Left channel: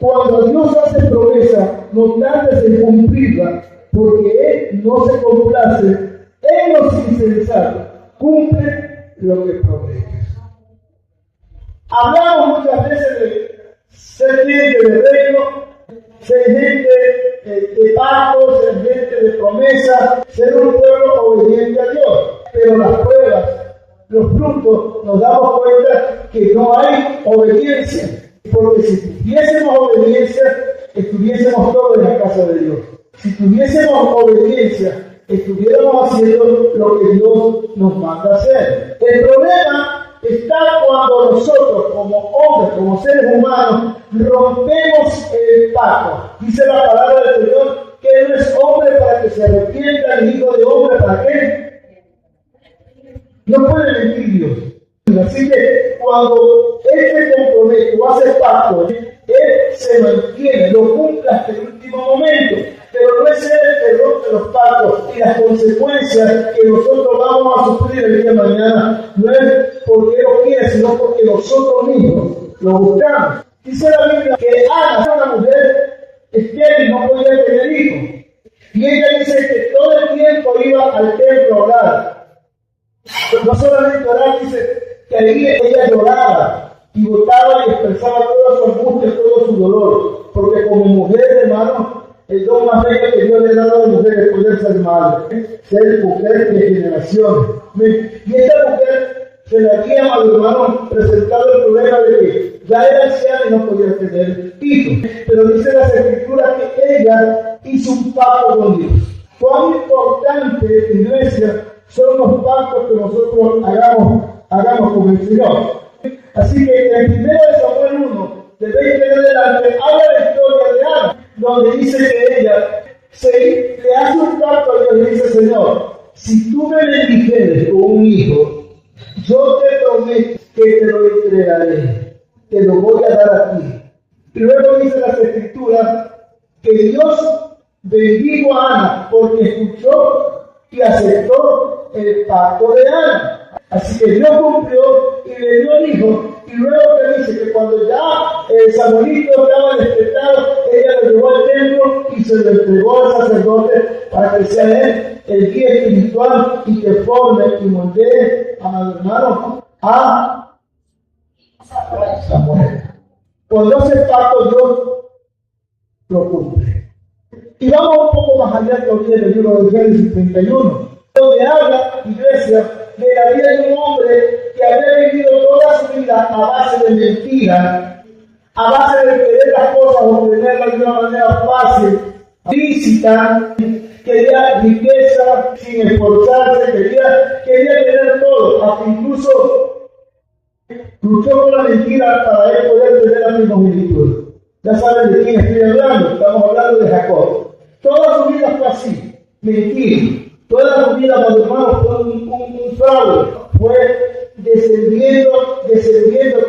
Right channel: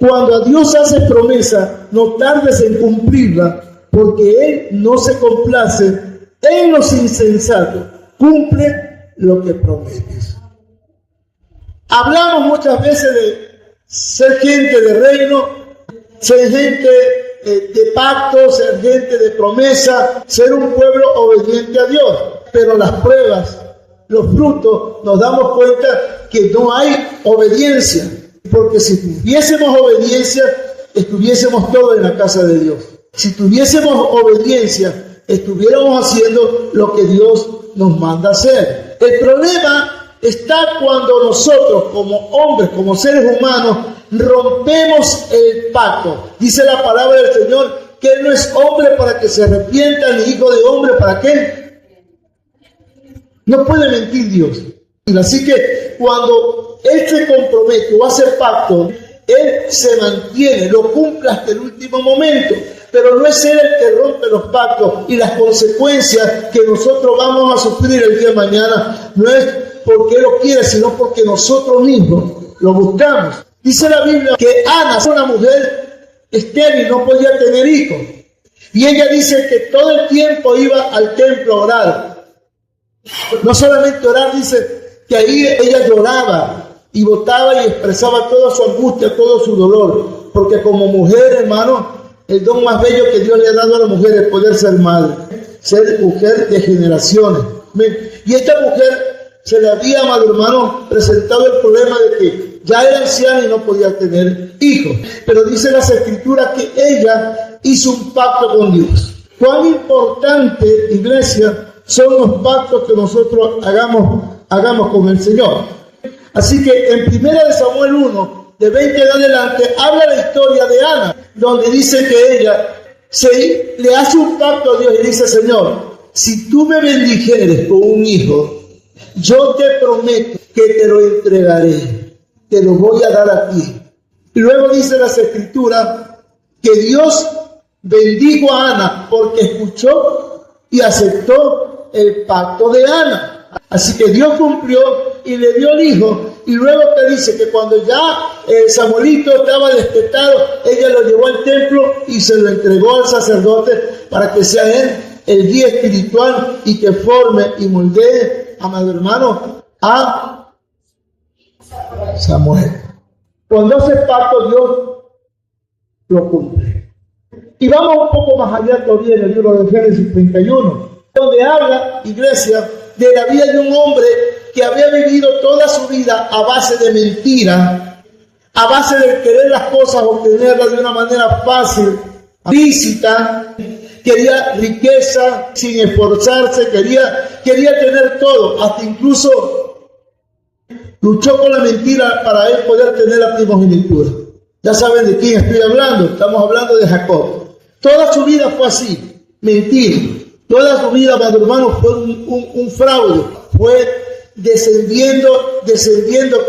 Cuando Dios hace promesa, no tardes en cumplirla, porque Él no se complace en los insensatos. Cumple lo que prometes. Hablamos muchas veces de ser gente de reino, ser gente de pacto, ser gente de promesa, ser un pueblo obediente a Dios. Pero las pruebas, los frutos, nos damos cuenta que no hay obediencia. Porque si tuviésemos obediencia, estuviésemos todos en la casa de Dios. Si tuviésemos obediencia, estuviéramos haciendo lo que Dios nos manda hacer. El problema está cuando nosotros, como hombres, como seres humanos, rompemos el pacto. Dice la palabra del Señor que Él no es hombre para que se arrepienta, ni hijo de hombre para que... No puede mentir Dios. Así que cuando Él se compromete o hace pacto, Él se mantiene, lo cumple hasta el último momento. Pero no es Él el que rompe los pactos, y las consecuencias que nosotros vamos a sufrir el día de mañana no es porque Él lo quiere, sino porque nosotros mismos lo buscamos. Dice la Biblia que Ana era una mujer estéril, no podía tener hijos. Y ella dice que todo el tiempo iba al templo a orar. No solamente orar, dice que ahí ella lloraba y botaba y expresaba toda su angustia, todo su dolor. Porque como mujer, hermano, el don más bello que Dios le ha dado a la mujer es poder ser madre, ser mujer de generaciones. Y esta mujer se le había, amado hermano, presentado el problema de que ya era anciana y no podía tener hijos. Pero dice las Escrituras que ella hizo un pacto con Dios. Cuán importante, iglesia, son los pactos que nosotros hagamos con el Señor. Así que en 1 Samuel 1, de 20 en adelante, habla la historia de Ana, donde dice que ella le hace un pacto a Dios y dice: Señor, si tú me bendijeres con un hijo, yo te prometo que te lo entregaré, te lo voy a dar a ti. Y luego dice las Escrituras que Dios bendijo a Ana porque escuchó y aceptó el pacto de Ana. Así que Dios cumplió y le dio el hijo. Y luego te dice que cuando ya Samuelito estaba destetado, ella lo llevó al templo y se lo entregó al sacerdote para que sea él el guía espiritual y que forme y moldee, amado hermano, a Samuel. Cuando hace pacto, Dios lo cumple. Y vamos un poco más allá todavía en el libro de Génesis 31, donde habla, iglesia, de la vida de un hombre que había vivido toda su vida a base de mentira, a base de querer las cosas, obtenerlas de una manera fácil, lícita. Quería riqueza sin esforzarse, quería tener todo, hasta incluso luchó con la mentira para él poder tener la primogenitura. Ya saben de quién estoy hablando, estamos hablando de Jacob. Toda su vida fue así, mentira. Toda su vida, amado hermano, fue un fraude. Fue descendiendo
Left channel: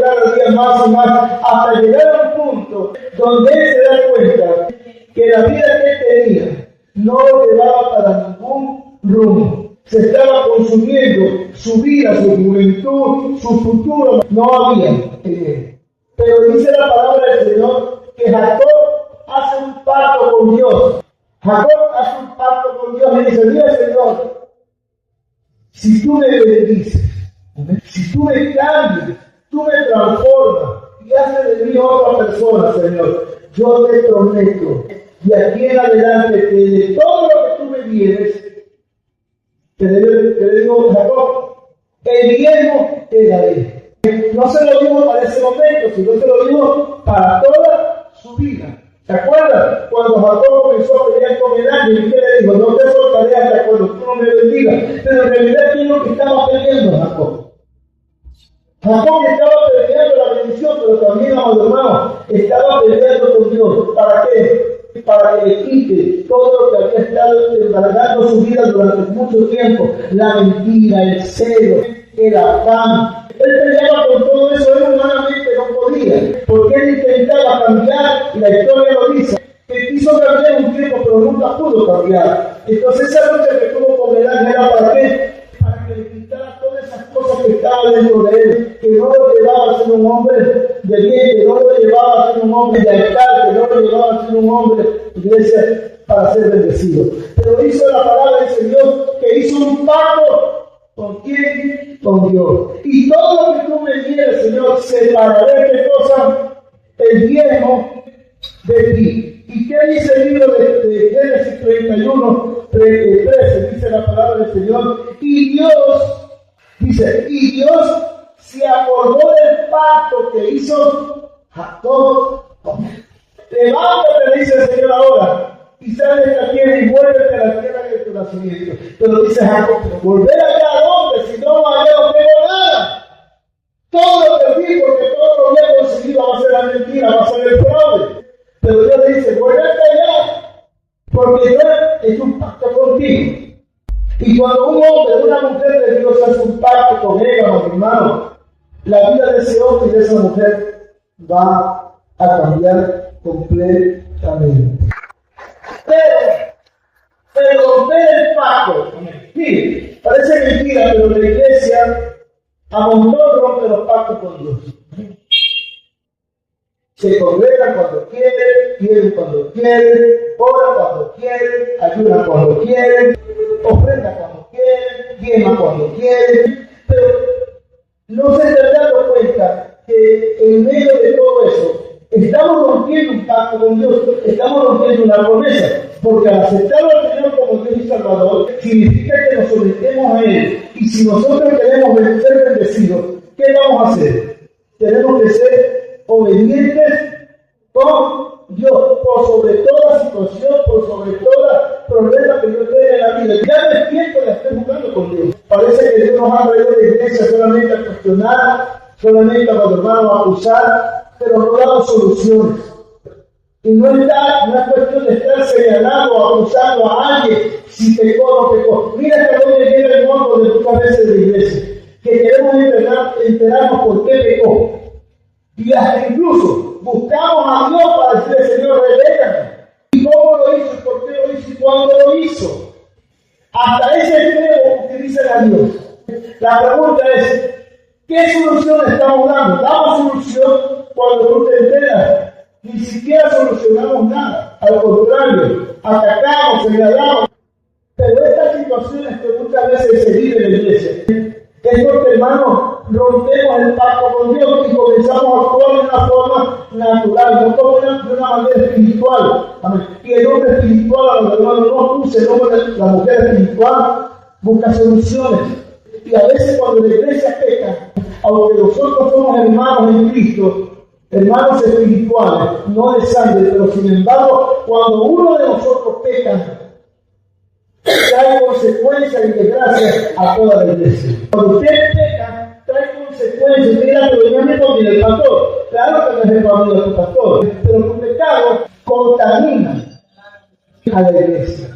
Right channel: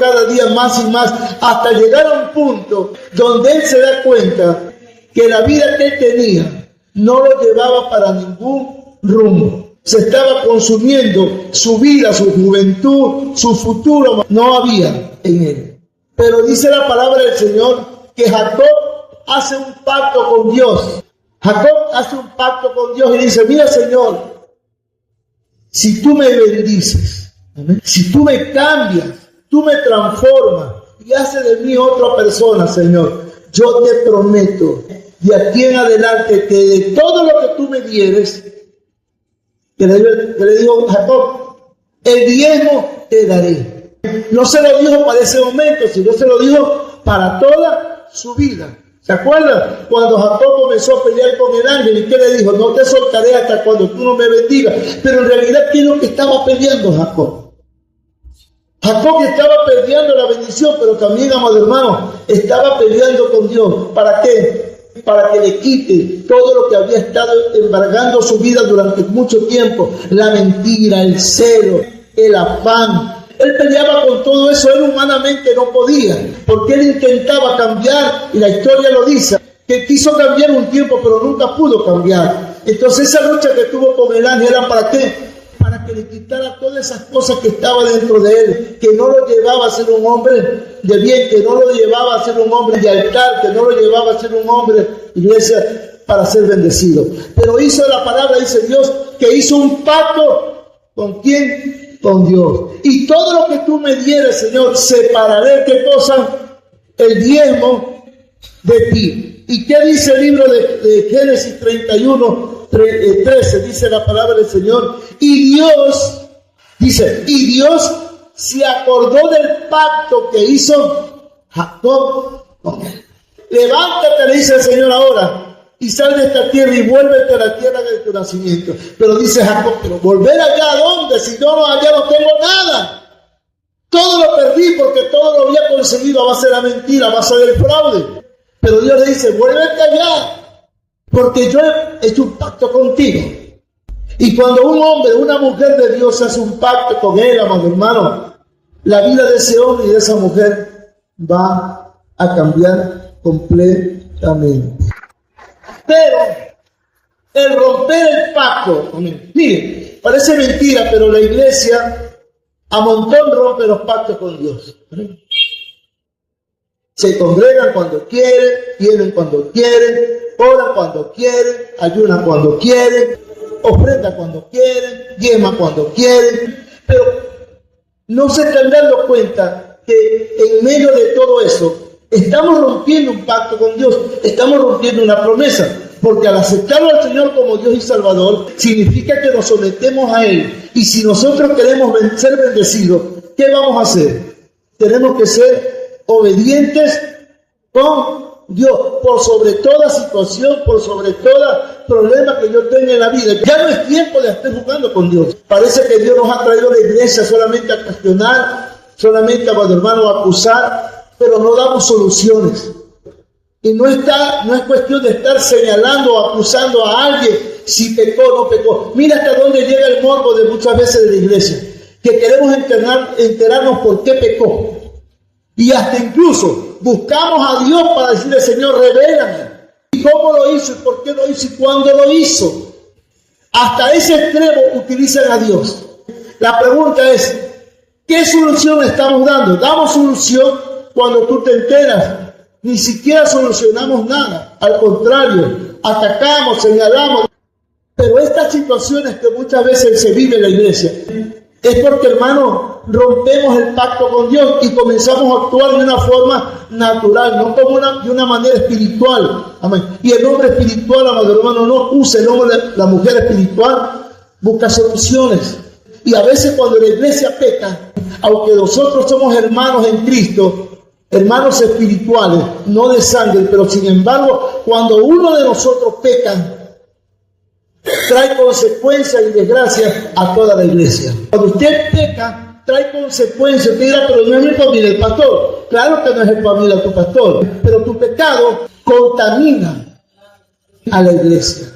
cada día más y más, hasta llegar a un punto donde él se da cuenta que la vida que él tenía no lo llevaba para ningún rumbo. Se estaba consumiendo su vida, su juventud, su futuro, no había en él. Pero dice la palabra del Señor que Jacob hace un pacto con Dios. Jacob hace un pacto con Dios y dice: mira, Señor, si tú me bendices, si tú me cambias, tú me transformas y haces de mí otra persona, Señor, yo te prometo de aquí en adelante que de todo lo que tú me dieres, que le digo a Jacob, el diezmo te daré. No se lo dijo para ese momento, sino se lo dijo para toda su vida. ¿Se acuerdan? Cuando Jacob comenzó a pelear con el ángel, ¿y qué le dijo? No te soltaré hasta cuando tú no me bendigas. Pero en realidad, ¿qué es lo que estaba peleando Jacob? Jacob estaba peleando la bendición, pero también, amado hermano, estaba peleando con Dios. ¿Para qué? Para que le quite todo lo que había estado embargando su vida durante mucho tiempo. La mentira, el celo, el afán. Él peleaba con todo eso, él humanamente no podía, porque él intentaba cambiar, y la historia lo dice, que quiso cambiar un tiempo, pero nunca pudo cambiar. Entonces esa lucha que tuvo con el ángel era ¿para qué? Para que le quitara todas esas cosas que estaban dentro de él, que no lo llevaba a ser un hombre de bien, que no lo llevaba a ser un hombre de altar, que llevaba a ser un hombre, iglesia, para ser bendecido. Pero hizo la palabra, dice Dios, que hizo un pacto. ¿Con quién? Con Dios. Y todo lo que tú me dieras, Señor, separaré, ¿qué cosa? El diezmo de ti. ¿Y qué dice el libro de Génesis 31, 13? Dice la palabra del Señor. Y Dios, dice, y Dios se acordó del pacto que hizo Jacob con él. Levántate, le dice el Señor ahora, y sal de esta tierra y vuélvete a la tierra de tu nacimiento. Pero dice Jacob, pero volver allá, ¿a dónde? Si no, allá no tengo nada. Todo lo perdí porque todo lo había conseguido a base de la mentira, a base del fraude. Pero Dios le dice, vuélvete allá, porque yo he hecho un pacto contigo. Y cuando un hombre, una mujer de Dios hace un pacto con él, amado hermano, la vida de ese hombre y de esa mujer va a cambiar completamente. Pero el romper el pacto, mire, parece mentira, pero la iglesia a montón rompe los pactos con Dios. Se congregan cuando quieren, vienen cuando quieren, oran cuando quieren, ayunan cuando quieren, ofrendan cuando quieren, diezman cuando quieren, pero no se están dando cuenta que en medio de todo eso estamos rompiendo un pacto con Dios, estamos rompiendo una promesa, porque al aceptarlo al Señor como Dios y Salvador, significa que nos sometemos a Él. Y si nosotros queremos ser bendecidos, ¿qué vamos a hacer? Tenemos que ser obedientes con Dios, por sobre toda situación, por sobre todo problema que yo tenga en la vida. Ya no es tiempo de estar jugando con Dios. Parece que Dios nos ha traído a la iglesia solamente a cuestionar, solamente a hermanos a acusar, pero no damos soluciones. Y no es cuestión de estar señalando o acusando a alguien si pecó o no pecó. Mira hasta dónde llega el morbo de muchas veces de la iglesia, que queremos enterarnos por qué pecó. Y hasta incluso buscamos a Dios para decirle, Señor, revélame. ¿Y cómo lo hizo? ¿Y por qué lo hizo? ¿Y cuándo lo hizo? Hasta ese extremo utilizan a Dios. La pregunta es, ¿qué solución estamos dando? ¿Damos solución cuando tú te enteras? Ni siquiera solucionamos nada. Al contrario, atacamos, señalamos. Pero estas situaciones que muchas veces se viven en la iglesia es porque, hermano, rompemos el pacto con Dios y comenzamos a actuar de una forma natural, no como de una manera espiritual. Amén. Y el hombre espiritual, hermano, no usa el hombre, la mujer espiritual, busca soluciones. Y a veces cuando la iglesia peca, aunque nosotros somos hermanos en Cristo, hermanos espirituales, no de sangre, pero sin embargo, cuando uno de nosotros peca, trae consecuencias y desgracias a toda la iglesia. Cuando usted peca, trae consecuencias. Usted dirá, pero no es el familia del pastor. Claro que no es el familia de tu pastor, pero tu pecado contamina a la iglesia.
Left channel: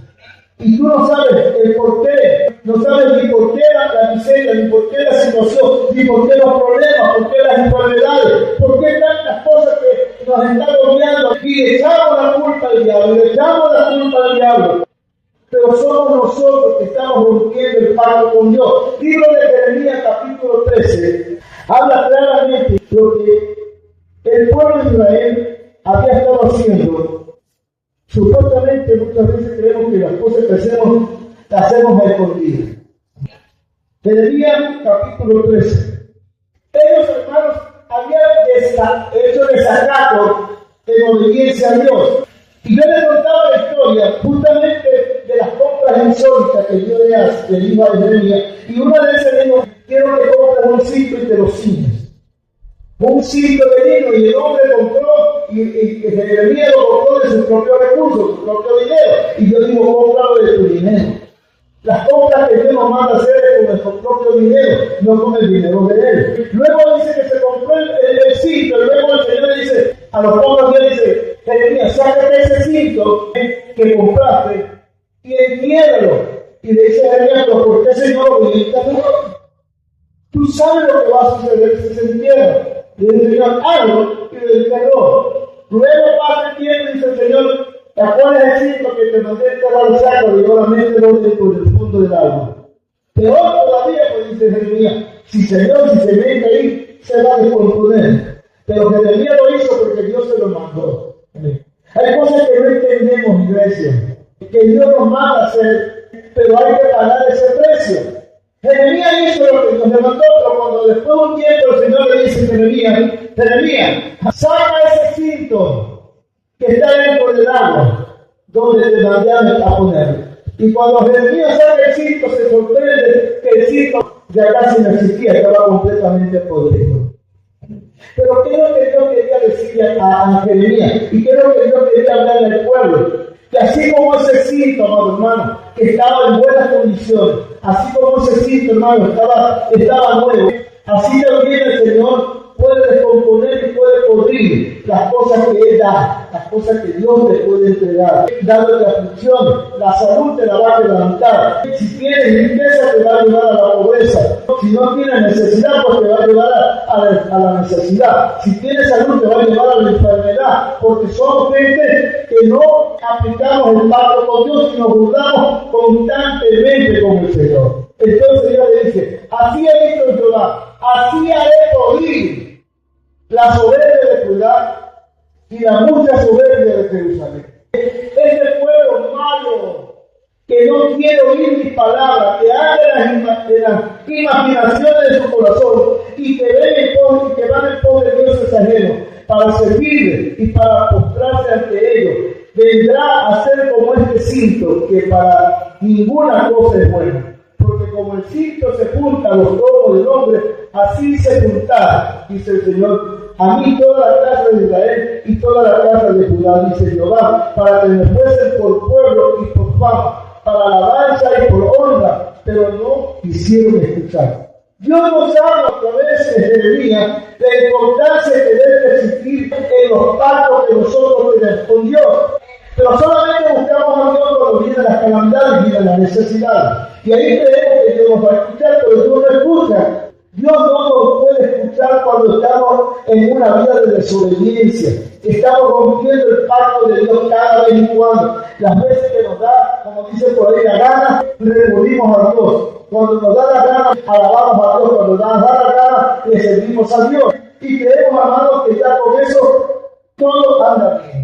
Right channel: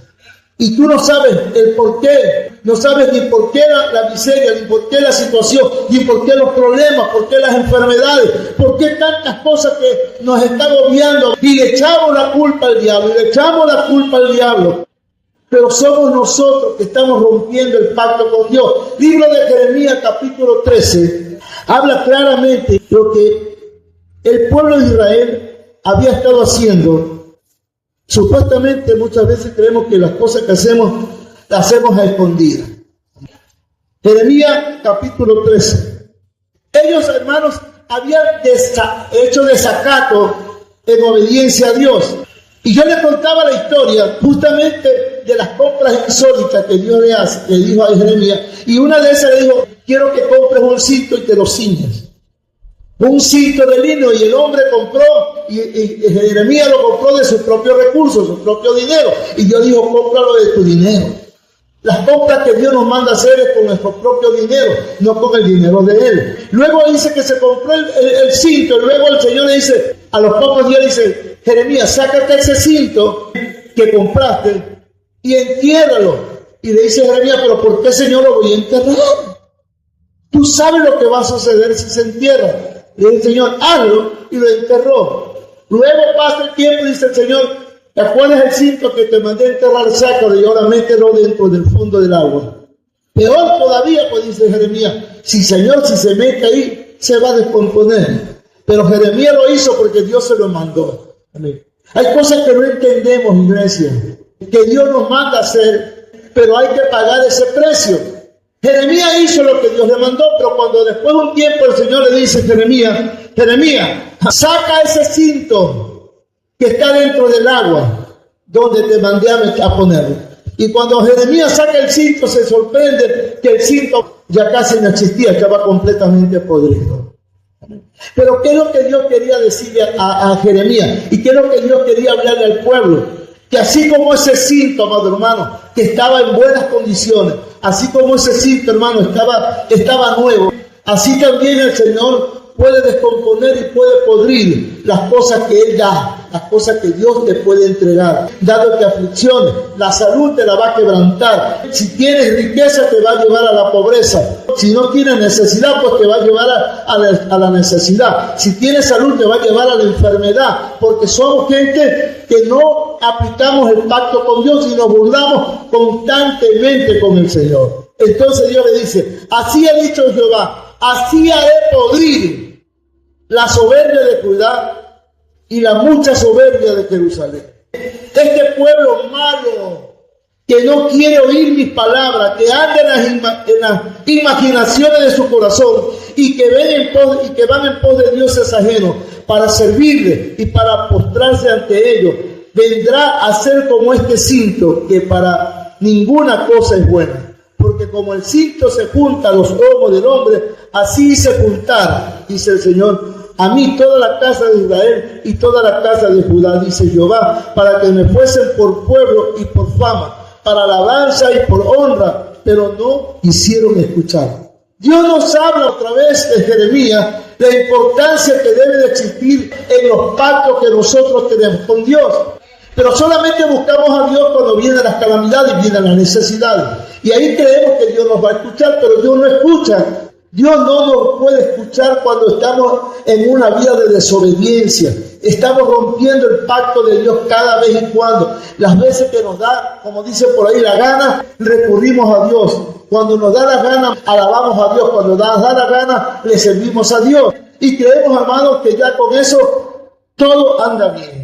Y tú no sabes el por qué, no sabes ni por qué la miseria, ni por qué la situación, ni por qué los problemas, por qué las enfermedades, por qué tantas cosas que nos están agobiando. Y le echamos la culpa al diablo, le echamos la culpa al diablo. Pero somos nosotros que estamos rompiendo el pacto con Dios. Libro de Jeremías, capítulo 13, habla claramente lo que el pueblo de Israel había estado haciendo. Supuestamente muchas veces creemos que las cosas que hacemos, las hacemos a escondidas. Jeremías, capítulo 13. Ellos, hermanos, habían hecho desacato en obediencia a Dios. Y yo le contaba la historia justamente de las compras insólitas que Dios le dijo a Jeremías. Y una de esas le dijo, quiero que compres un cinto y te lo ciñas. Un cinto de lino, y el hombre compró, y Jeremías lo compró de sus propios recursos, su propio dinero. Y Dios dijo, cómpralo de tu dinero. Las compras que Dios nos manda a hacer es con nuestro propio dinero, no con el dinero de Él. Luego dice que se compró el cinto, y luego el Señor le dice, a los pocos días dice, Jeremías, sácate ese cinto que compraste y entiérralo. Y le dice a Jeremías, pero ¿por qué, Señor, lo voy a enterrar? Tú sabes lo que va a suceder si se entierra. Y el Señor, hazlo, y lo enterró. Luego pasa el tiempo y dice el Señor, ¿cuál es el cinto que te mandé a enterrar? Sácalo y ahora mételo dentro del fondo del agua. Peor todavía, pues dice Jeremías, si Señor, si se mete ahí, se va a descomponer. Pero Jeremías lo hizo porque Dios se lo mandó. Amén. Hay cosas que no entendemos, iglesia, que Dios nos manda a hacer, pero hay que pagar ese precio. Jeremías hizo lo que Dios le mandó, pero cuando después de un tiempo el Señor le dice a Jeremías, saca ese cinto que está dentro del agua, donde te mandé a ponerlo. Y cuando Jeremías saca el cinto, se sorprende que el cinto ya casi no existía, estaba completamente podrido. Pero ¿qué es lo que Dios quería decirle a Jeremías? ¿Y qué es lo que Dios quería hablarle al pueblo? Que así como ese cinto, amado hermano, que estaba en buenas condiciones, así como ese cinto, hermano, estaba nuevo, así también el Señor puede descomponer y puede podrir las cosas que Él da, las cosas que Dios te puede entregar, dándote aflicciones. La salud te la va a quebrantar. Si tienes riqueza, te va a llevar a la pobreza. Si no tienes necesidad, pues te va a llevar a la necesidad. Si tienes salud, te va a llevar a la enfermedad, porque somos gente que no aplicamos el pacto con Dios y nos burlamos constantemente con el Señor. Entonces Dios le dice, así ha dicho Jehová, así haré podrir la soberbia de Judá y la mucha soberbia de Jerusalén. Este pueblo malo que no quiere oír mis palabras, que anda en las imaginaciones de su corazón y que van en pos de dioses ajenos para servirle y para postrarse ante ellos, vendrá a ser como este cinto que para ninguna cosa es buena. Porque como el cinto se junta a los ojos del hombre, así se juntará, dice el Señor, a mí toda la casa de Israel y toda la casa de Judá, dice Jehová, para que me fuesen por pueblo y por fama, para alabanza y por honra, pero no quisieron escuchar. Dios nos habla otra vez de Jeremías, la importancia que debe de existir en los pactos que nosotros tenemos con Dios. Pero solamente buscamos a Dios cuando vienen las calamidades, vienen las necesidades. Y ahí creemos que Dios nos va a escuchar, pero Dios no escucha. Dios no nos puede escuchar cuando estamos en una vida de desobediencia. Estamos rompiendo el pacto de Dios cada vez y cuando. Las veces que nos da, como dice por ahí, la gana, recurrimos a Dios. Cuando nos da la gana, alabamos a Dios. Cuando nos da la gana, le servimos a Dios. Y creemos, hermanos, que ya con eso todo anda bien.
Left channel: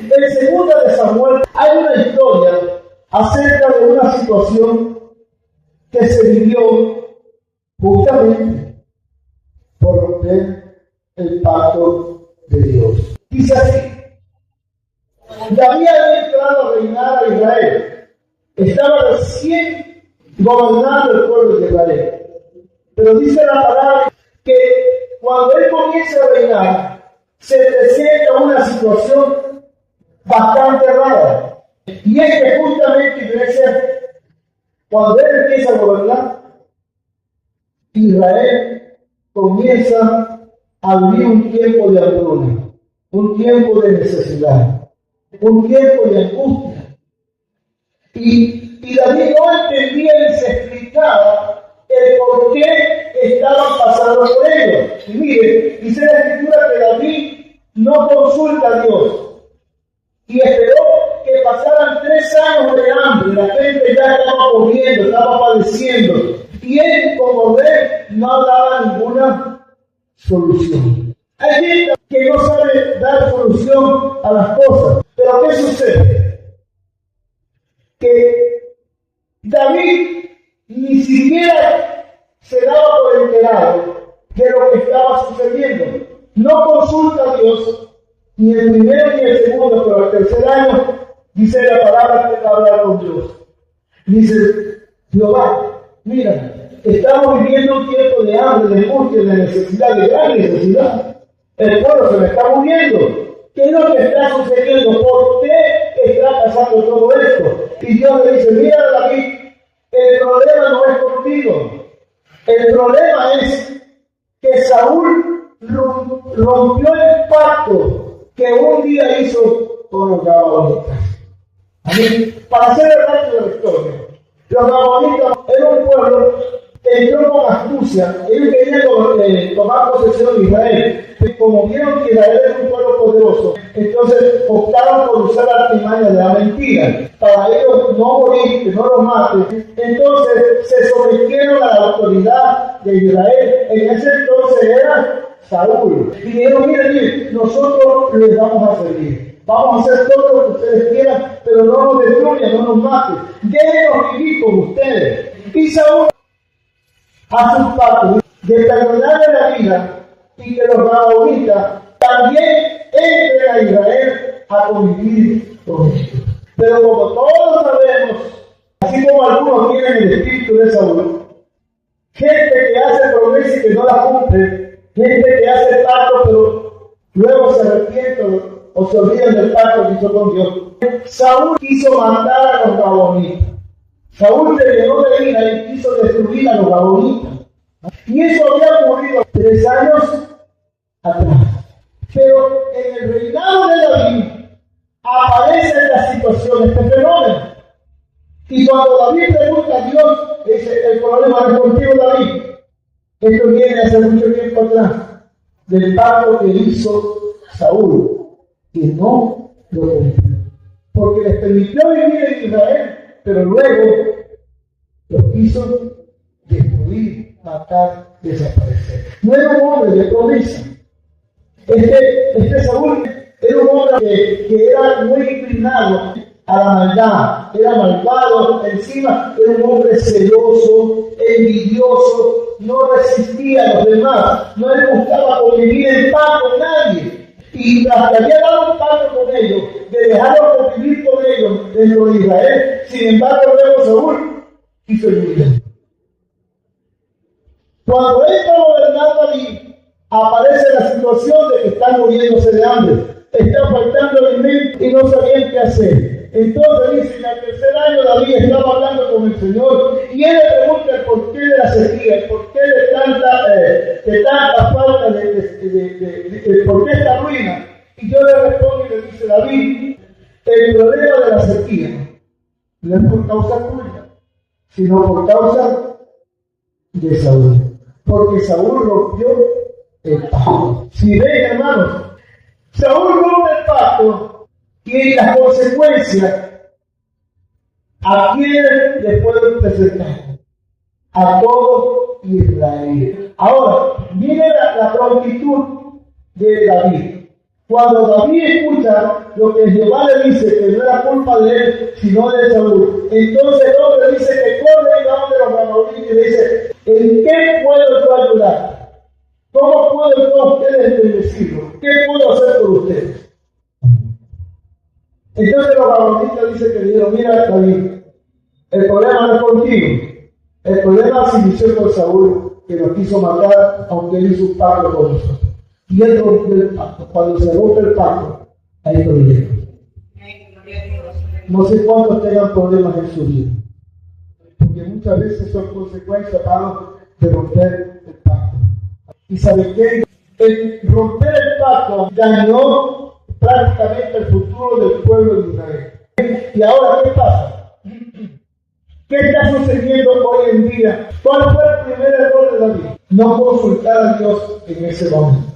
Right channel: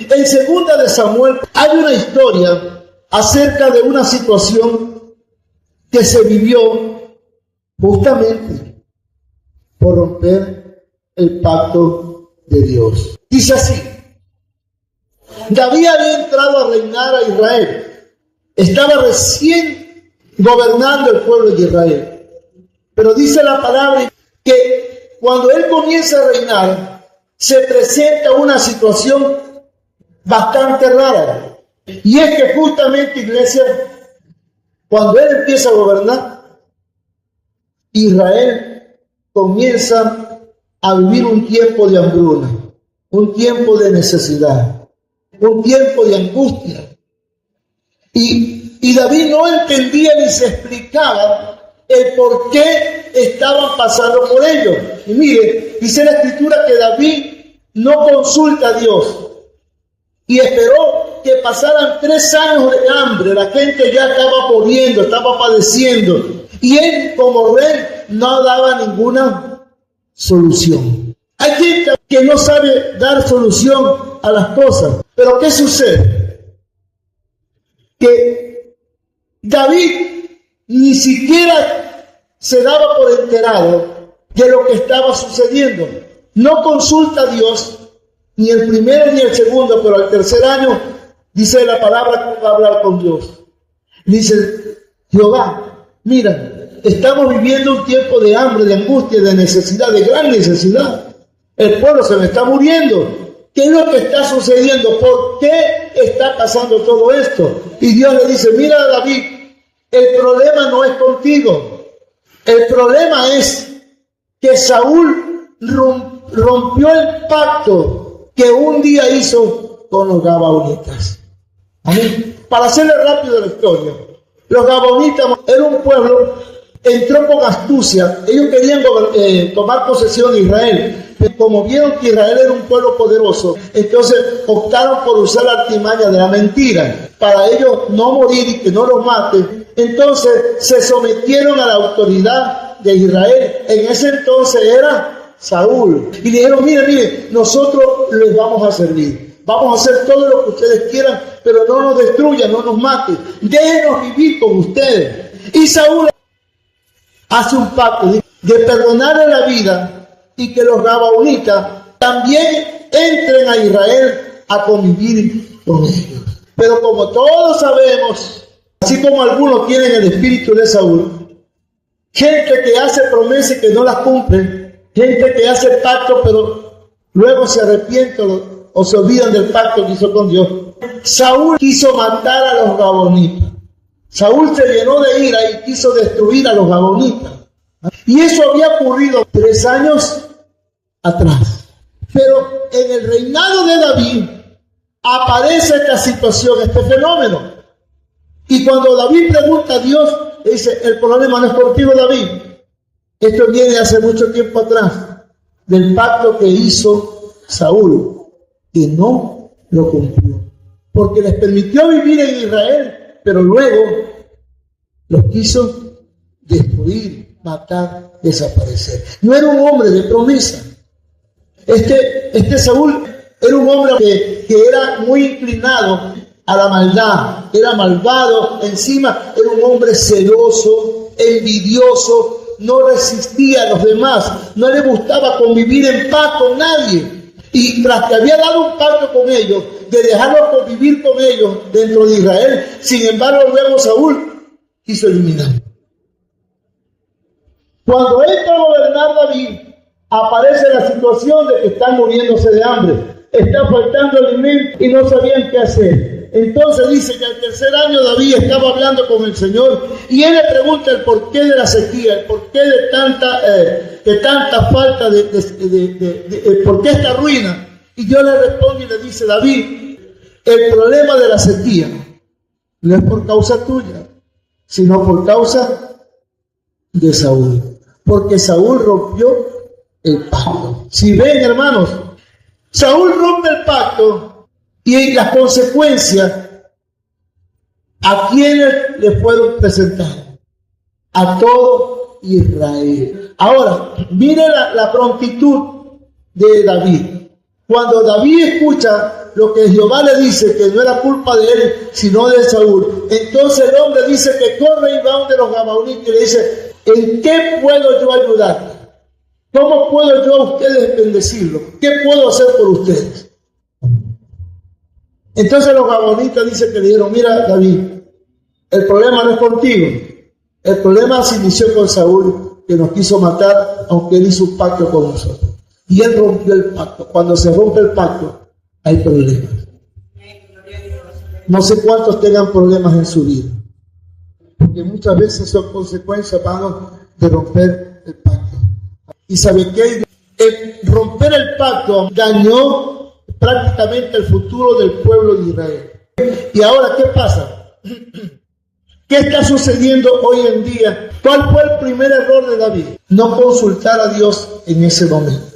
En 2 de Samuel hay una historia acerca de una situación que se vivió justamente por romper el pacto de Dios. Dice así: David había entrado a reinar a Israel. Estaba recién gobernando el pueblo de Israel. Pero dice la palabra que cuando él comienza a reinar, se presenta una situación bastante rara. Y es que justamente, iglesia, cuando él empieza a gobernar, Israel comienza a vivir un tiempo de hambruna, un tiempo de necesidad, un tiempo de angustia. Y David no entendía ni se explicaba el por qué estaban pasando por ello. Y mire, dice la Escritura que David no consulta a Dios y esperó que pasaran 3 años de hambre. La gente ya estaba corriendo, estaba padeciendo. Y él, como rey, no daba ninguna solución. Hay gente que no sabe dar solución a las cosas. Pero ¿qué sucede? Que David ni siquiera se daba por enterado de lo que estaba sucediendo. No consulta a Dios, ni el primero ni el segundo, pero al tercer año, dice la palabra que va a hablar con Dios. Dice: Jehová, mira, estamos viviendo un tiempo de hambre, de angustia, de necesidad, de gran necesidad. El pueblo se me está muriendo. ¿Qué es lo que está sucediendo? ¿Por qué está pasando todo esto? Y Dios le dice: mira, David, el problema no es contigo. El problema es que Saúl rompió el pacto que un día hizo con los gabaonitas. Amén. Para hacerle rápido la historia, los gabaonitas era un pueblo, entró con astucia. Ellos querían tomar posesión de Israel. Pero como vieron que Israel era un pueblo poderoso, entonces optaron por usar la artimaña de la mentira para ellos no morir y que no los maten. Entonces se sometieron a la autoridad de Israel. En ese entonces era Saúl. Y dijeron: mire, nosotros les vamos a servir. Vamos a hacer todo lo que ustedes quieran, pero no nos destruyan, no nos maten. Déjenos vivir con ustedes. Y Saúl hace un pacto de perdonarle la vida y que los gabaonitas también entren a Israel a convivir con ellos. Pero como todos sabemos, así como algunos tienen el espíritu de Saúl, gente que hace promesas y que no las cumple, gente que hace pacto pero luego se arrepiente o se olvidan del pacto que hizo con Dios. Saúl quiso matar a los gabonitas. Saúl se llenó de ira y quiso destruir a los gabonitas. Y eso había ocurrido 3 años atrás. Pero en el reinado de David aparece esta situación, este fenómeno. Y cuando David pregunta a Dios, dice, el problema no es contigo, David. Esto viene hace mucho tiempo atrás, del pacto que hizo Saúl, que no lo cumplió. Porque les permitió vivir en Israel, pero luego los quiso destruir, matar, desaparecer. No era un hombre de promesa. Este Saúl era un hombre que era muy inclinado a la maldad, era malvado, encima era un hombre celoso, envidioso, no resistía a los demás, no le gustaba convivir en paz con nadie. Y tras que había dado un pacto con ellos, de dejarlos convivir con ellos dentro de Israel, sin embargo luego Saúl quiso eliminarlo. Cuando entra a gobernar David, aparece la situación de que están muriéndose de hambre, está faltando alimento y no sabían qué hacer. Entonces dice que al 3er año David estaba hablando con el Señor y él le pregunta el porqué de la sequía, el porqué de tanta falta, el porqué esta ruina. Y Dios le responde y le dice, David, el problema de la sequía no es por causa tuya, sino por causa de Saúl. Porque Saúl rompió el pacto. Si ven, hermanos, Saúl rompe el pacto y las consecuencias, ¿a quiénes le pueden presentar? A todo Israel. Ahora, mire la prontitud de David. Cuando David escucha lo que Jehová le dice, que no era culpa de él, sino de Saúl, entonces el hombre dice que corre y va donde los gabaonitas y le dice, ¿en qué puedo yo ayudarte? ¿Cómo puedo yo a ustedes bendecirlos? ¿Qué puedo hacer por ustedes? Entonces los gabaonitas dicen que le dijeron, mira David, el problema no es contigo, el problema se inició con Saúl, que nos quiso matar, aunque él hizo un pacto con nosotros. Y él rompió el pacto. Cuando se rompe el pacto, hay problemas. No sé cuántos tengan problemas en su vida, porque muchas veces son consecuencias, hermanos, de romper el pacto. ¿Y sabe qué? El romper el pacto dañó prácticamente el futuro del pueblo de Israel. ¿Y ahora qué pasa? ¿Qué está sucediendo hoy en día? ¿Cuál fue el primer error de David? No consultar a Dios en ese momento.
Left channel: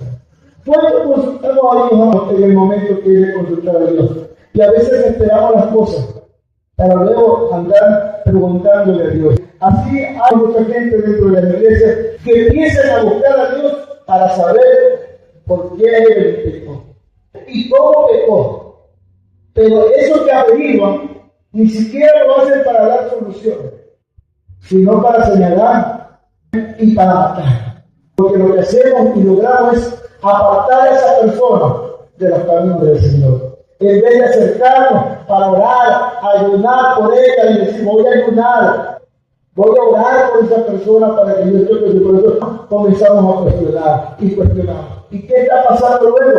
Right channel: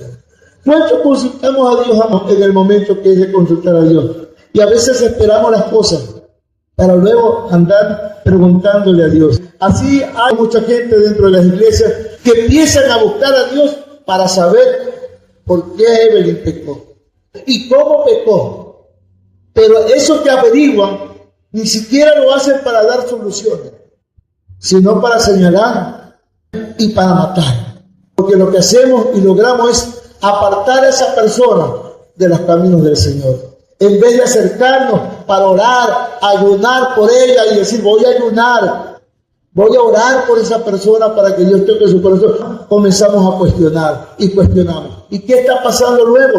¿Cuánto consultamos a Dios en el momento que es de consultar a Dios? Y a veces esperamos las cosas para luego andar preguntándole a Dios. Así hay mucha gente dentro de las iglesias que empiezan a buscar a Dios para saber por qué Evelyn pecó y cómo pecó. Pero eso que averiguan ni siquiera lo hacen para dar soluciones, sino para señalar y para matar. Porque lo que hacemos y logramos es apartar a esa persona de los caminos del Señor. En vez de acercarnos para orar, ayunar por ella y decir, voy a ayunar, voy a orar por esa persona para que Dios toque su corazón, comenzamos a cuestionar y cuestionamos. ¿Y qué está pasando luego?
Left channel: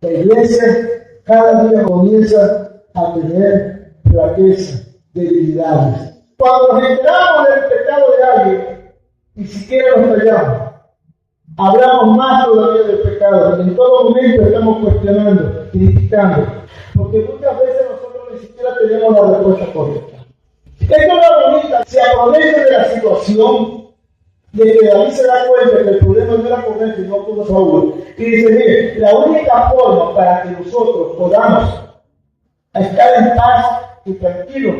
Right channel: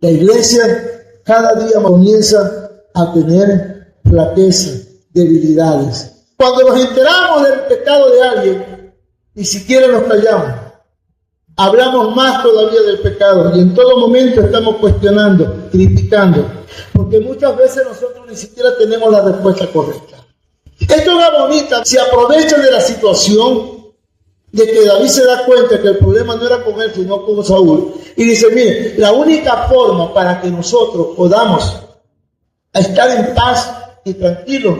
La iglesia cada día comienza a tener flaqueza, debilidades. Cuando nos enteramos del pecado de alguien, ni siquiera nos callamos. Hablamos más todavía del pecado y en todo momento estamos cuestionando, criticando, porque muchas veces nosotros ni siquiera tenemos la respuesta correcta. Estos gabonitas se aprovechan de la situación de que David se da cuenta que el problema no era con él, sino con Saúl. Y dice, mire, la única forma para que nosotros podamos estar en paz y tranquilos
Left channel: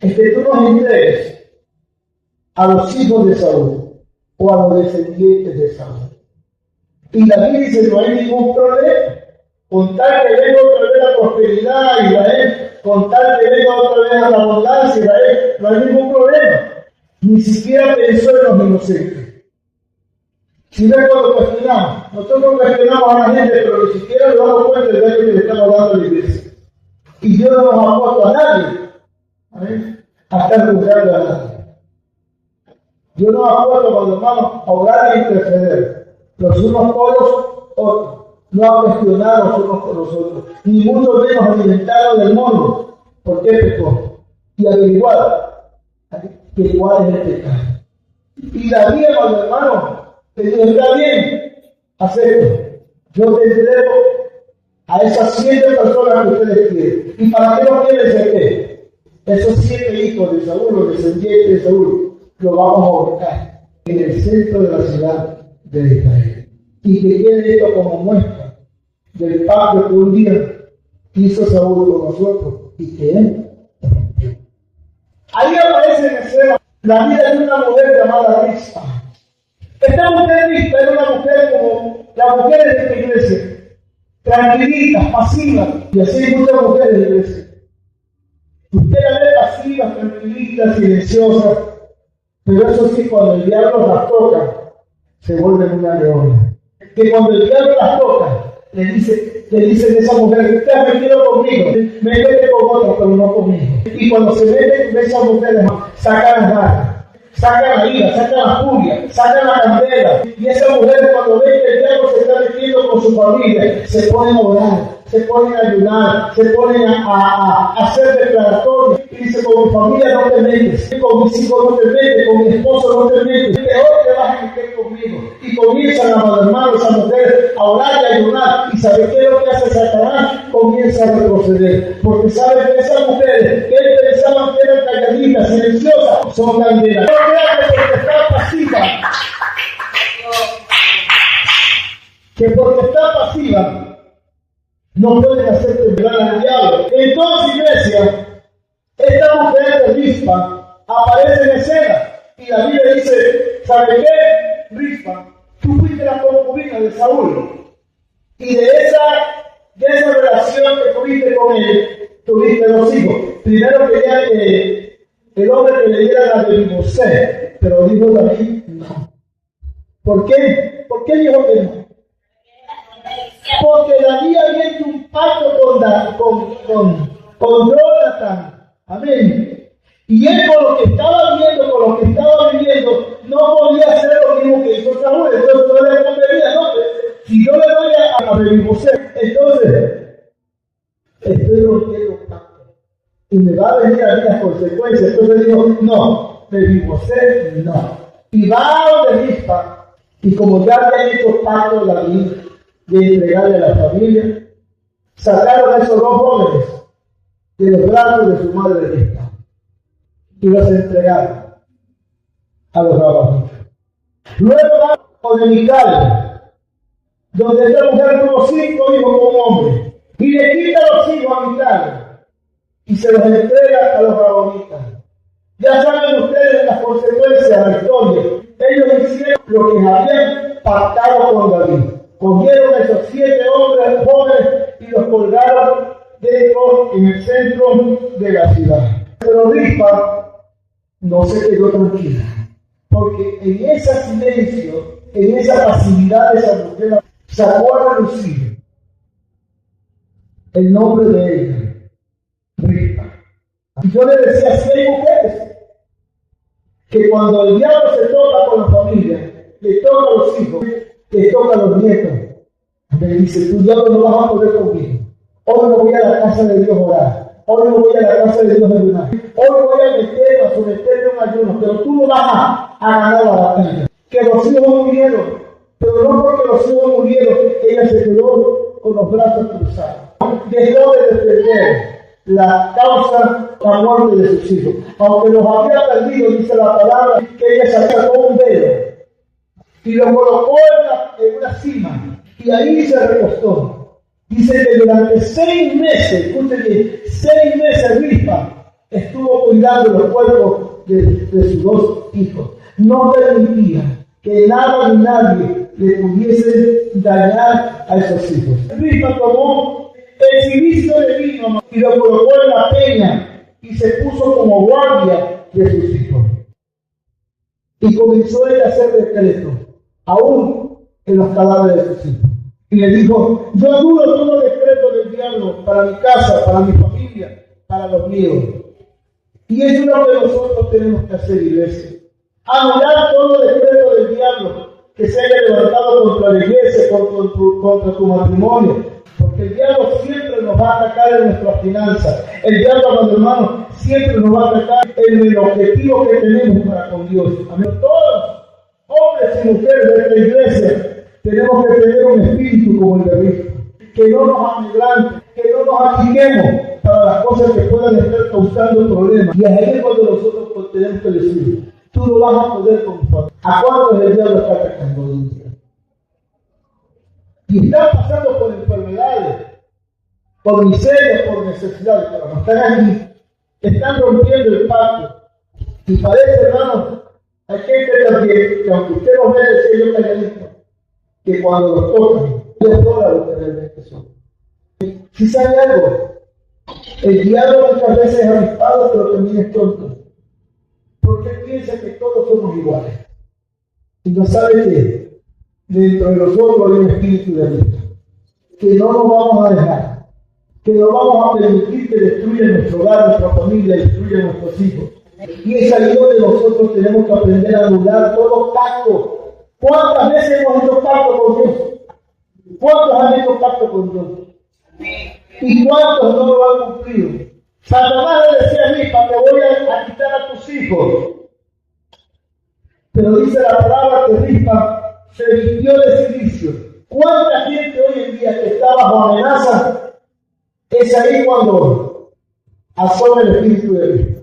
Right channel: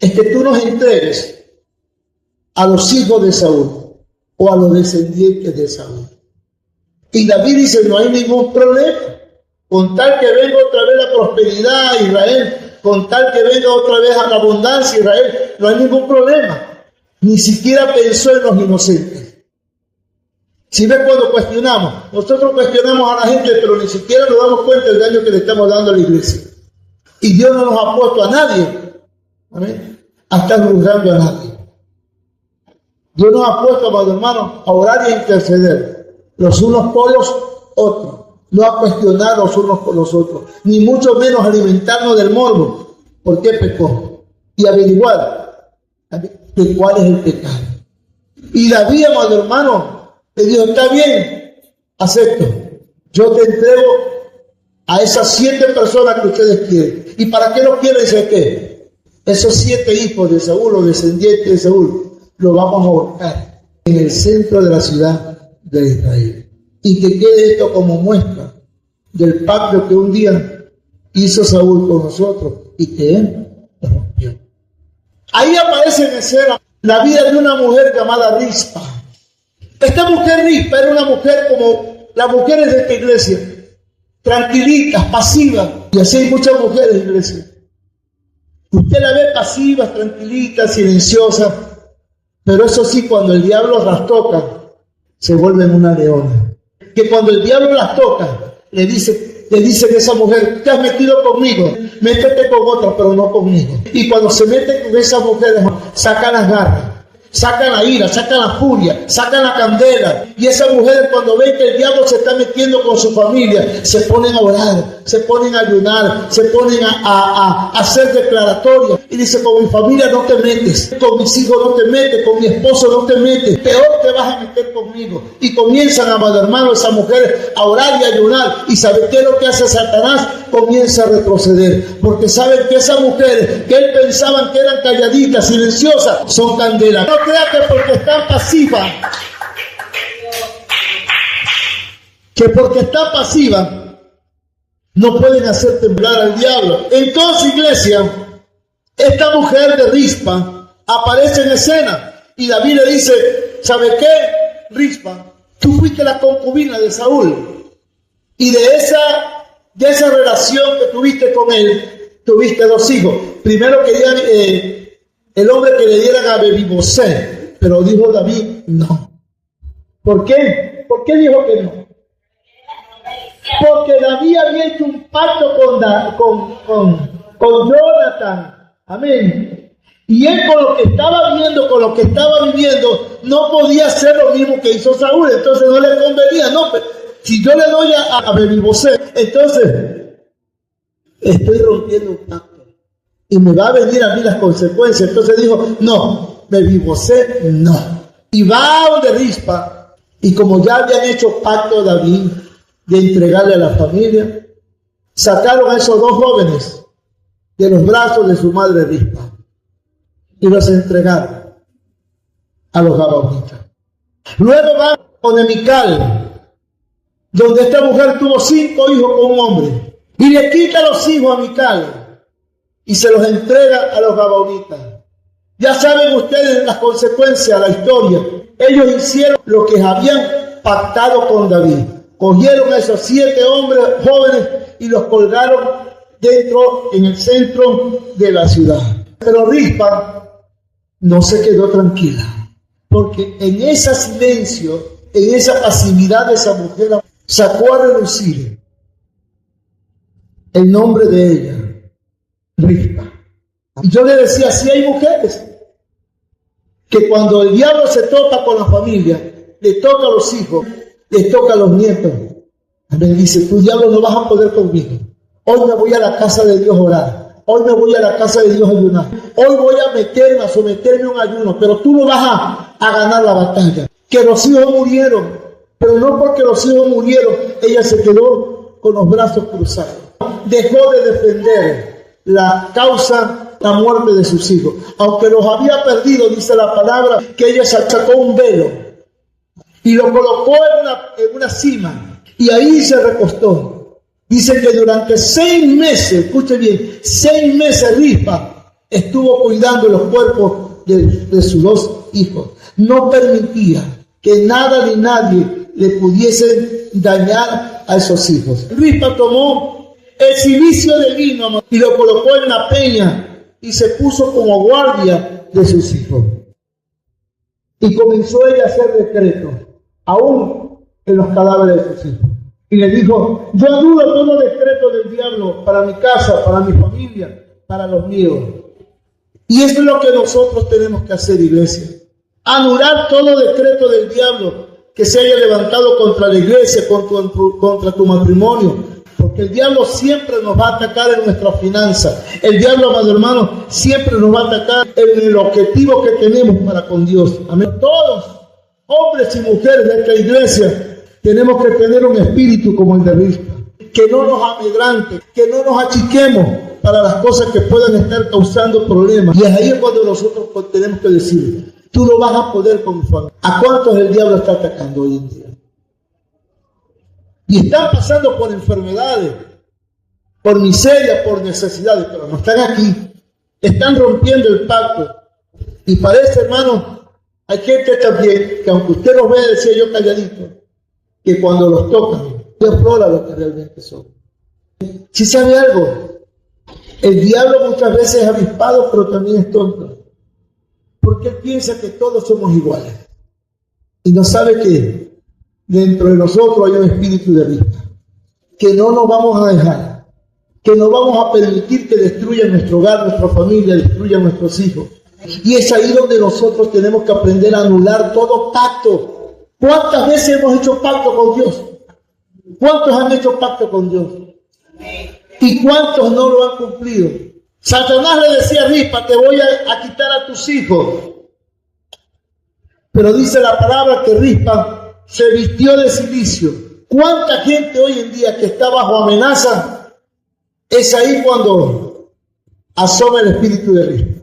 es que tú nos entregues a los hijos de Saúl o a los descendientes de Saúl. Y David dice, no hay ningún problema. con tal que venga otra vez la prosperidad a Israel, con tal que venga otra vez a la abundancia a Israel, no hay ningún problema. Ni siquiera pensó en los inocentes. Si ves cuando cuestionamos, nosotros cuestionamos a la gente, pero ni siquiera nos damos cuenta del daño que le estamos dando a la iglesia. Y Dios no nos ha puesto a nadie, ¿amén?, a estar juzgando a nadie. Dios nos ha puesto, amados hermanos, a orar y a interceder, los unos por los otros, no a cuestionar los unos por los otros, ni mucho menos alimentarnos del morbo. ¿Por qué pecó? Y averiguar de cuál es el pecado. Y David, amado hermano, le dijo: está bien, acepto, yo te entrego a esas 7 personas que ustedes quieren. ¿Y para qué lo quieren? ¿Sé qué? Esos 7 hijos de Saúl, o descendientes de Saúl, los vamos a ahorcar en el centro de la ciudad de Israel. Y que quede esto como muestra del pacto que un día hizo Saúl con nosotros y que él rompió. Ahí aparece en escena la vida de una mujer llamada Rispa. Esta mujer Rispa era una mujer como las mujeres de esta iglesia, tranquilitas, pasivas, y así hay muchas mujeres en la iglesia. Usted la ve pasivas, tranquilitas, silenciosas, pero eso sí, cuando el diablo las toca, se vuelven una leona. Que cuando el diablo las toca, le dicen a esa mujer: te has metido conmigo, métete con otra, pero no conmigo. Y cuando se mete con esas mujeres, sacan las garras, sacan la ira, sacan la furia, sacan la candela. Y esas mujeres, cuando ven que el diablo se está metiendo con su familia, se ponen a orar, se ponen a ayunar, se ponen a hacer declaratorias. Y dice: con mi familia no te metes, con mis hijos no te metes, con mi esposo no te metes, peor te vas a meter conmigo. Y comienzan, amado hermano, esas mujeres a orar y a ayunar. ¿Y saben qué es lo que hace Satanás? Comienza a retroceder, porque saben que esas mujeres que él pensaban que eran calladitas, silenciosas, son candelas. No crea que porque están pasivas, no pueden hacer temblar al diablo. Entonces, iglesia, esta mujer de Rispa aparece en escena y David le dice: ¿sabe qué, Rispa? Tú fuiste la concubina de Saúl, y de esa relación que tuviste con él, tuviste 2 hijos. Primero quería el hombre que le dieran a Mefibosé, pero dijo David: no. ¿Por qué? ¿Por qué dijo que no? Porque David había hecho un pacto con Jonathan. Amén. Y él, con lo que estaba viendo, con lo que estaba viviendo, no podía hacer lo mismo que hizo Saúl. Entonces no le convenía. No, si yo le doy a Mefibosé, entonces estoy rompiendo un pacto y me va a venir a mí las consecuencias. Entonces dijo: no, Mefibosé no. Y va a donde Rispa, y como ya habían hecho pacto David de entregarle a la familia, sacaron a esos 2 jóvenes de los brazos de su madre Rispa y los entregaron a los gabaonitas. Luego van con Mical, donde esta mujer tuvo 5 hijos con un hombre, y le quita los hijos a Mical y se los entrega a los gabaonitas. Ya saben ustedes las consecuencias, la historia. Ellos hicieron lo que habían pactado con David. Cogieron a esos 7 hombres jóvenes y los colgaron en el centro de la ciudad. Pero Rispa no se quedó tranquila, porque en ese silencio, en esa pasividad de esa mujer, sacó a relucir el nombre de ella, Rispa. Y yo le decía: sí, hay mujeres que cuando el diablo se toca con la familia, le toca a los hijos, le toca a los nietos. Me dice: tú, diablo, no vas a poder conmigo. Hoy me voy a la casa de Dios a orar. Hoy me voy a la casa de Dios a ayunar. Hoy voy a someterme a un ayuno, pero tú no vas a ganar la batalla. Que los hijos murieron, pero no porque los hijos murieron, ella se quedó con los brazos cruzados. Dejó de defender la causa, la muerte de sus hijos. Aunque los había perdido, dice la palabra, que ella sacó un velo y lo colocó en una cima, y ahí se recostó. Dice que durante 6 meses, escuche bien, 6 meses Rispa estuvo cuidando los cuerpos de sus 2 hijos. No permitía que nada ni nadie le pudiesen dañar a esos hijos. Rispa tomó el cilicio de vino y lo colocó en la peña y se puso como guardia de sus hijos. Y comenzó ella a hacer decretos, aún en los cadáveres de sus hijos. Y le dijo: yo anulo todo decreto del diablo para mi casa, para mi familia, para los míos. Y eso es lo que nosotros tenemos que hacer, iglesia. Anular todo decreto del diablo que se haya levantado contra la iglesia, contra tu matrimonio. Porque el diablo siempre nos va a atacar en nuestras finanzas. El diablo, amado hermano, siempre nos va a atacar en el objetivo que tenemos para con Dios. Amén. Todos, hombres y mujeres de esta iglesia, tenemos que tener un espíritu como el de Rispa. Que no nos amedrante, que no nos achiquemos para las cosas que puedan estar causando problemas. Y es ahí cuando nosotros tenemos que decir: tú no vas a poder con mi familia. ¿A cuántos el diablo está atacando hoy en día? Y están pasando por enfermedades, por miseria, por necesidades, pero no están aquí. Están rompiendo el pacto. Y parece, hermano, hay gente también que aunque usted los vea, decía yo calladito, que cuando los tocan, explora lo que realmente son. Si sabe algo, el diablo muchas veces es avispado, pero también es tonto. Porque él piensa que todos somos iguales. Y no sabe que dentro de nosotros hay un espíritu de Rispa, que no nos vamos a dejar, que no vamos a permitir que destruyan nuestro hogar, nuestra familia, destruyan nuestros hijos. Y es ahí donde nosotros tenemos que aprender a anular todo pacto. ¿Cuántas veces hemos hecho pacto con Dios? ¿Cuántos han hecho pacto con Dios? ¿Y cuántos no lo han cumplido? Satanás le decía a Rispa: te voy a quitar a tus hijos. Pero dice la palabra que Rispa se vistió de cilicio. ¿Cuánta gente hoy en día que está bajo amenaza? Es ahí cuando asoma el espíritu de Rispa.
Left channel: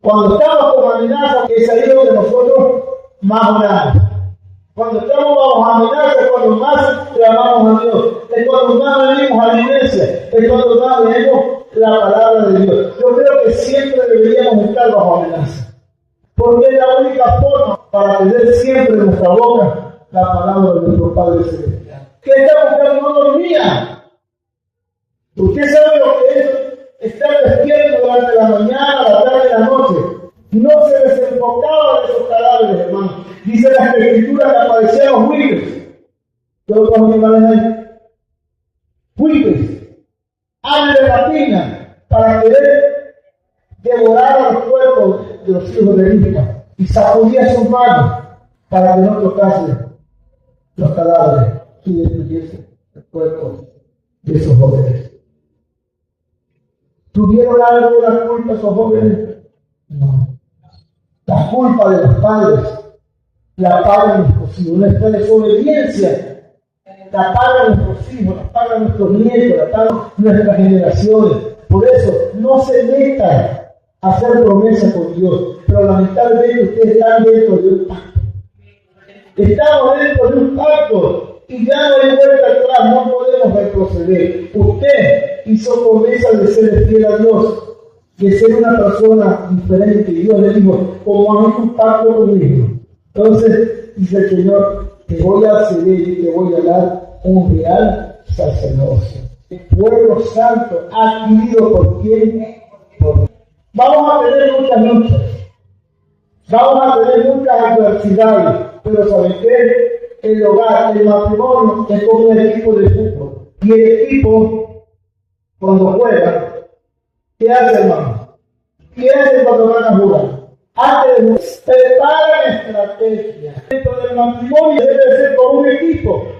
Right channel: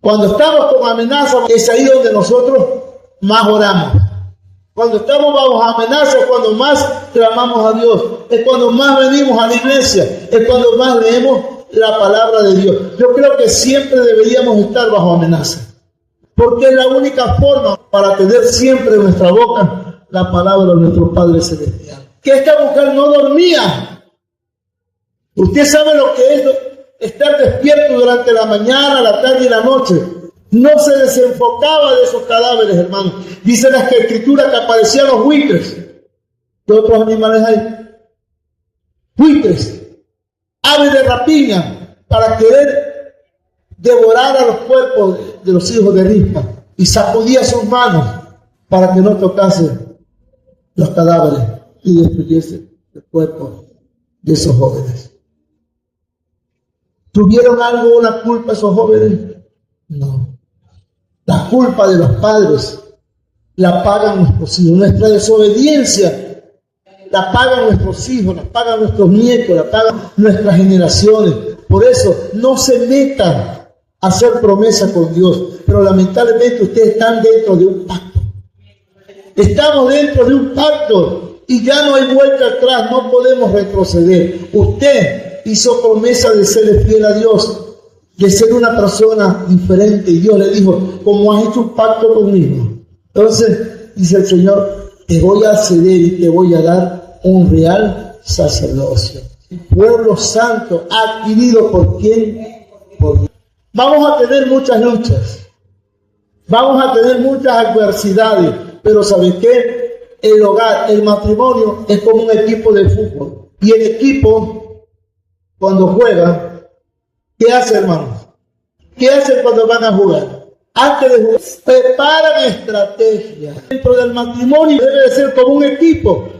Cuando estamos con amenaza, es ahí donde nosotros más oramos. Cuando estamos bajo amenaza es cuando más clamamos a Dios. Es cuando más venimos a la iglesia. Es cuando más leemos la palabra de Dios. Yo creo que siempre deberíamos estar bajo amenaza. Porque es la única forma para tener siempre en nuestra boca la palabra de nuestro Padre Celestial. Que esta mujer no dormía. Usted sabe lo que es estar despierto durante la mañana, la tarde y la noche. No se desenfocaba de esos cadáveres, hermano. Dice la Escritura que aparecían los buitres. ¿Qué otros animales hay? Buitres, aves de rapiña, para querer devorar a los cuerpos de los hijos de Rispa. Y sacudía sus manos para que no tocase los cadáveres y destruyese el cuerpo de esos jóvenes. ¿Tuvieron algo, una culpa esos jóvenes? No. La culpa de los padres la pagan nuestros hijos. Nuestra desobediencia la pagan nuestros hijos, la pagan nuestros nietos, la pagan nuestras generaciones. Por eso, no se metan a hacer promesas con Dios. Pero lamentablemente ustedes están dentro de un pacto. Estamos dentro de un pacto y ya no hay vuelta atrás, no podemos retroceder. Usted hizo promesa de ser fiel a Dios, de ser una persona diferente. Y Dios le dijo: como has hecho un pacto conmigo, entonces dice el Señor: te voy a ceder y te voy a dar un real sacerdocio. Pueblo santo adquirido por quién? Por Dios. Vamos a tener muchas luchas, vamos a tener muchas adversidades, pero ¿saben qué? El hogar, el matrimonio es como un equipo de fútbol. Y el equipo, cuando juega, ¿qué hace, hermanos? ¿Qué hacen cuando van a jugar? Antes de jugar, preparan estrategias. Dentro del matrimonio debe de ser como un equipo.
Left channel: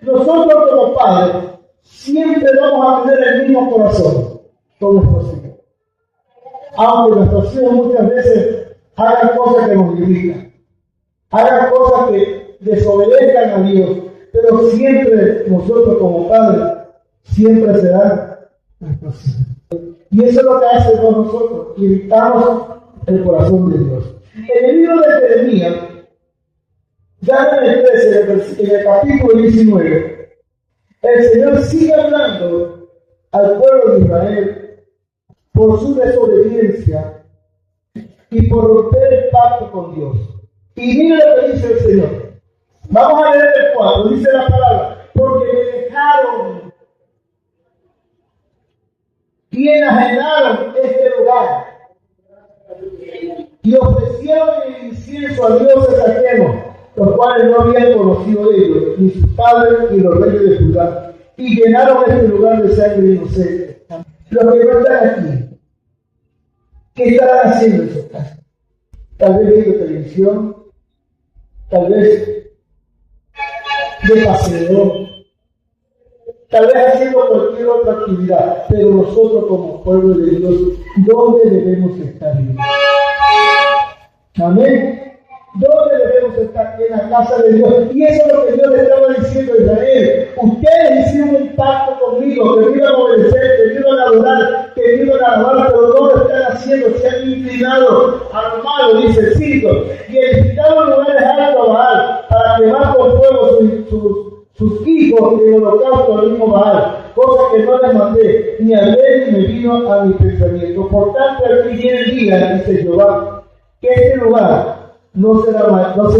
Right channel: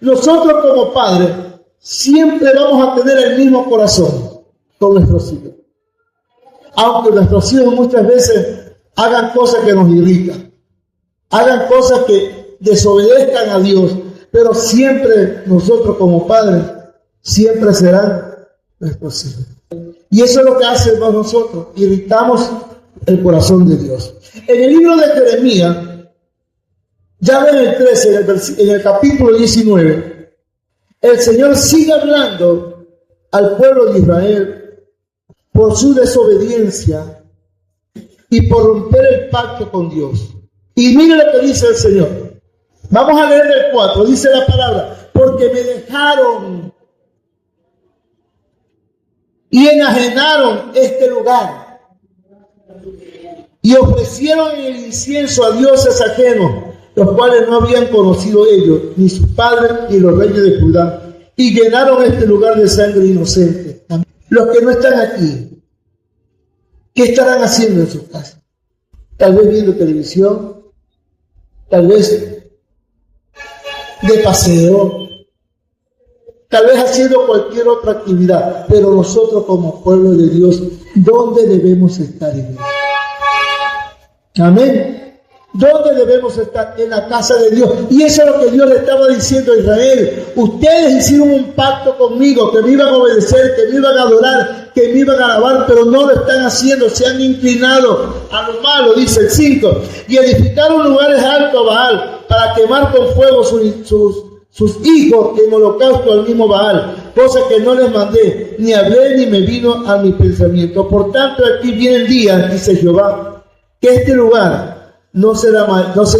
Nosotros como padres siempre vamos a tener el mismo corazón con nuestros hijos. Aunque nuestros hijos muchas veces hagan cosas que nos irritan, hagan cosas que desobedezcan a Dios, pero siempre nosotros como padres, siempre serán nuestros hijos. Y eso es lo que hacemos nosotros, irritamos el corazón de Dios. En el libro de Jeremías, ya en el 13, en el capítulo 19, el Señor sigue hablando al pueblo de Israel por su desobediencia y por romper el pacto con Dios. Y mire lo que dice el Señor. Vamos a leer el 4, dice la palabra, porque me dejaron y enajenaron este lugar y ofrecieron el incienso a dioses ajenos, los cuales no habían conocido ellos, ni sus padres, ni los reyes de Judá, y llenaron este lugar de sangre inocente. Los que no están aquí, ¿qué estarán haciendo en su casa? Tal vez viendo televisión, tal vez de paseo, tal vez haciendo cualquier otra actividad, pero nosotros como pueblo de Dios, ¿dónde debemos estar? Amén. ¿Dónde debemos estar? En la casa de Dios. Y eso es lo que Dios le estaba diciendo a Israel. Ustedes hicieron un pacto conmigo, que me iban a obedecer, que me iban a adorar, que me iban a alabar, pero no lo están haciendo. Se han inclinado a lo malo, dice el 5. Y edificaron lugares altos a Baal, para quemar con fuego sus hijos en holocausto al mismo Baal, cosa que no les mandé, ni hablé ni me vino a mi pensamiento. Por tanto, aquí viene el día, dice Jehová, que este lugar no se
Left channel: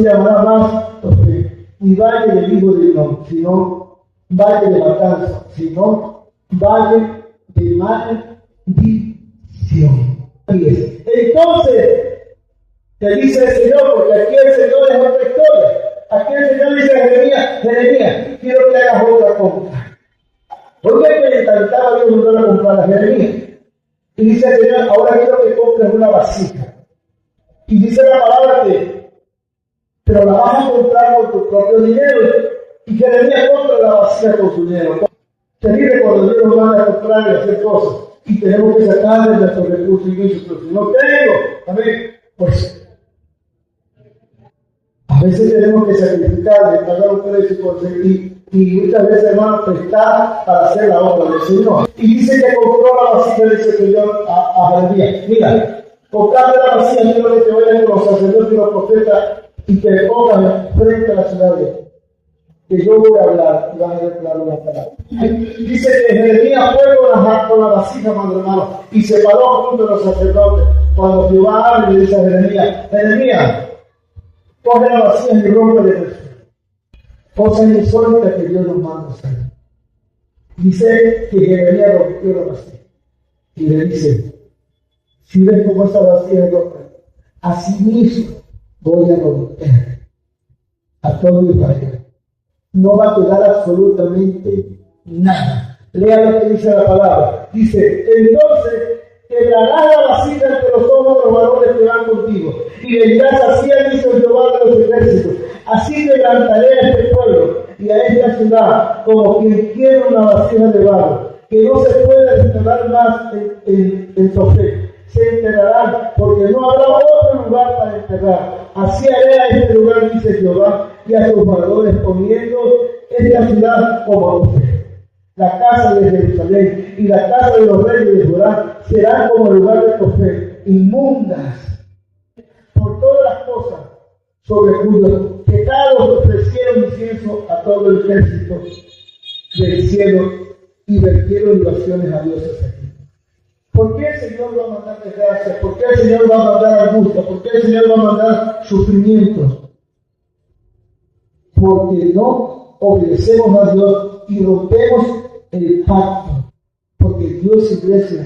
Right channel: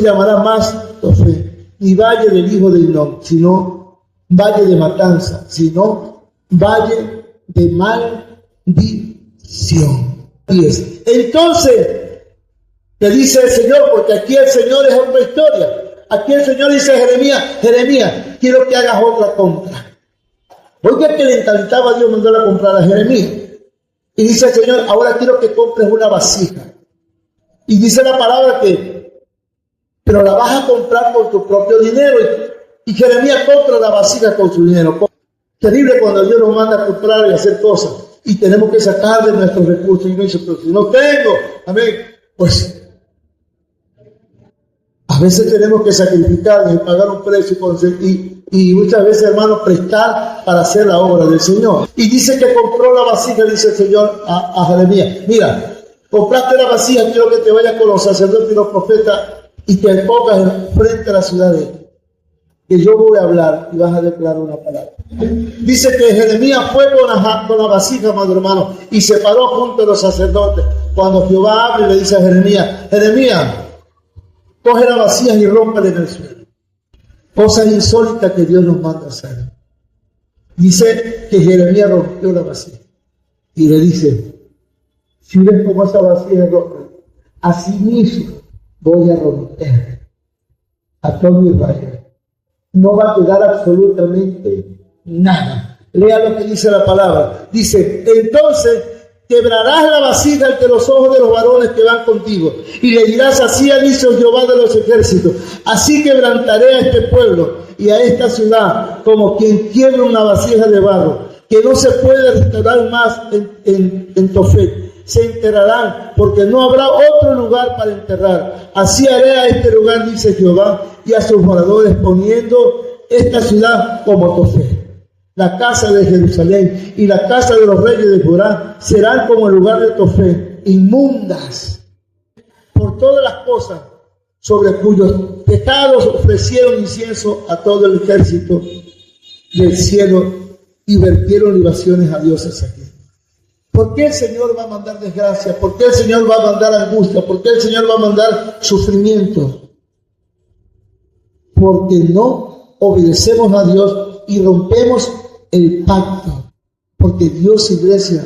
llamará más Tofet, ni valle del hijo de Hinnom, sino valle de matanza, sino valle de maldición. Entonces, le dice el Señor, porque aquí el Señor es otra historia. Aquí el Señor dice a Jeremías, quiero que hagas otra compra. Oiga que le encantaba a Dios mandar a comprar a Jeremías. Y dice el Señor, ahora quiero que compres una vasija. Y dice la palabra pero la vas a comprar con tu propio dinero. Y Jeremías compra la vasija con su dinero. Terrible cuando Dios nos manda a comprar y hacer cosas. Y tenemos que sacar de nuestros recursos. Y no dice, pero si no tengo, amén, pues a veces tenemos que sacrificar y pagar un precio y muchas veces, hermanos, prestar para hacer la obra del Señor. Y dice que compró la vasija, dice el Señor a Jeremías, mira, compraste la vasija, quiero que te vayas con los sacerdotes y los profetas y te pongas frente a la ciudad de él. Que yo voy a hablar y vas a declarar una palabra. Dice que Jeremías fue con la vasija, madre hermano, y se paró junto a los sacerdotes. Cuando Jehová habla y le dice a Jeremías, coge la vasija y rómpele en el suelo. Cosas insólitas que Dios nos manda a hacer. Dice que Jeremías rompió la vasija y le dice, si ves cómo esa vasija es rota, así mismo voy a romper a todo Israel. No va a quedar absolutamente nada. Lea lo que dice la palabra. Dice, entonces quebrarás la vasija ante los ojos de los varones que van contigo, y le dirás, así ha dicho Jehová de los ejércitos, así quebrantaré a este pueblo y a esta ciudad, como quien quiebra una vasija de barro, que no se puede restaurar más en Tofet. Se enterrarán, porque no habrá otro lugar para enterrar. Así haré a este lugar, dice Jehová, y a sus moradores, poniendo esta ciudad como Tofet. La casa de Jerusalén y la casa de los reyes de Judá serán como el lugar de Tofet, inmundas por todas las cosas sobre cuyos pecados ofrecieron incienso a todo el ejército del cielo y vertieron libaciones a dioses aquí. ¿Por qué el Señor va a mandar desgracia? ¿Por qué el Señor va a mandar angustia? ¿Por qué el Señor va a mandar sufrimiento? Porque no obedecemos a Dios y rompemos el pacto. Porque Dios, iglesia,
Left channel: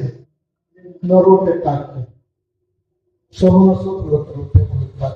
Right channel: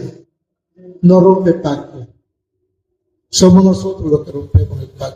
no rompe pacto. Somos nosotros los que rompemos el pacto.